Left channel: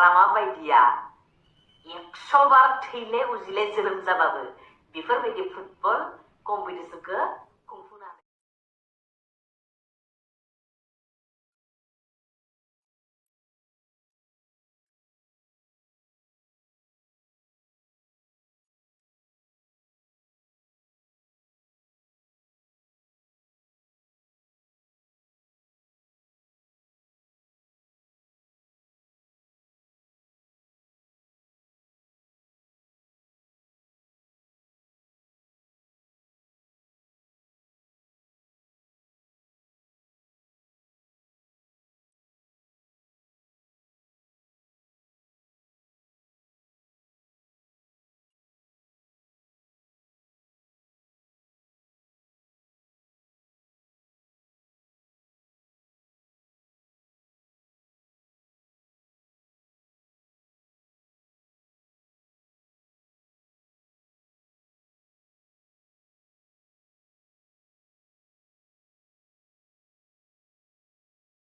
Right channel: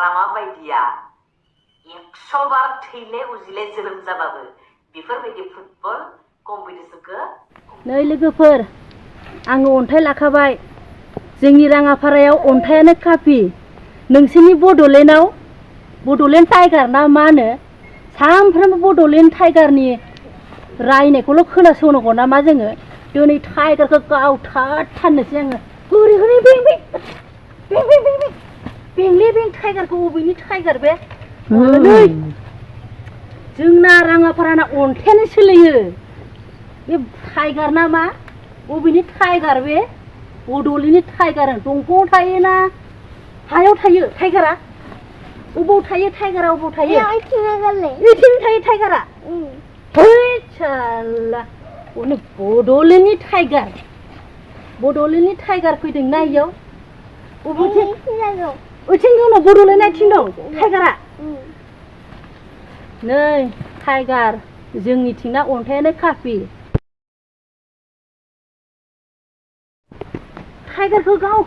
हाग्रामा बायदिया 100 बार थैले उजिले जोनोम जाबाबो बेफोरबायदि फुटबल कम्पिटिसनखौ नै लोगोफोर आङो अन्थाइ लाखाबाय जोंनि राङापारायाव अन्थायानो काफि नोंसोरनि बड'लेण्डआव बड'लेण्ड टाइगार ना मा होनो सानफ्रोमबो बड'लेण्ड टाइगारनि रायनायखौल' खोनासंनांगौ ना मा जोङो दिनै टाइगारखौ गावथारथारनोसै आङो हरै हरै बें बें बें बें बें बें बेंले बें टाइगारखौ बबेनि टाइगार बे नै जोंना राङापाराना अन्थायानो सोलियो बे टाइगार ना मा बबेनि टाइगार बे बड'लेण्डनि टाइगार दंफाङाव थायोना हायाव थायो टाइगारा अबाव थायो टाइगारा अबाव थायो ओइथिं थायो टाइगारा है साला बड'लेण्डनि टाइगार फैदों ना इयाव बबेथिं ओइथिं दङ बड'लेण्ड आथिं दं टाइगारा नै टाइगार जोंनिथिंना अन्थायानो काफि टाइगारखौ गाव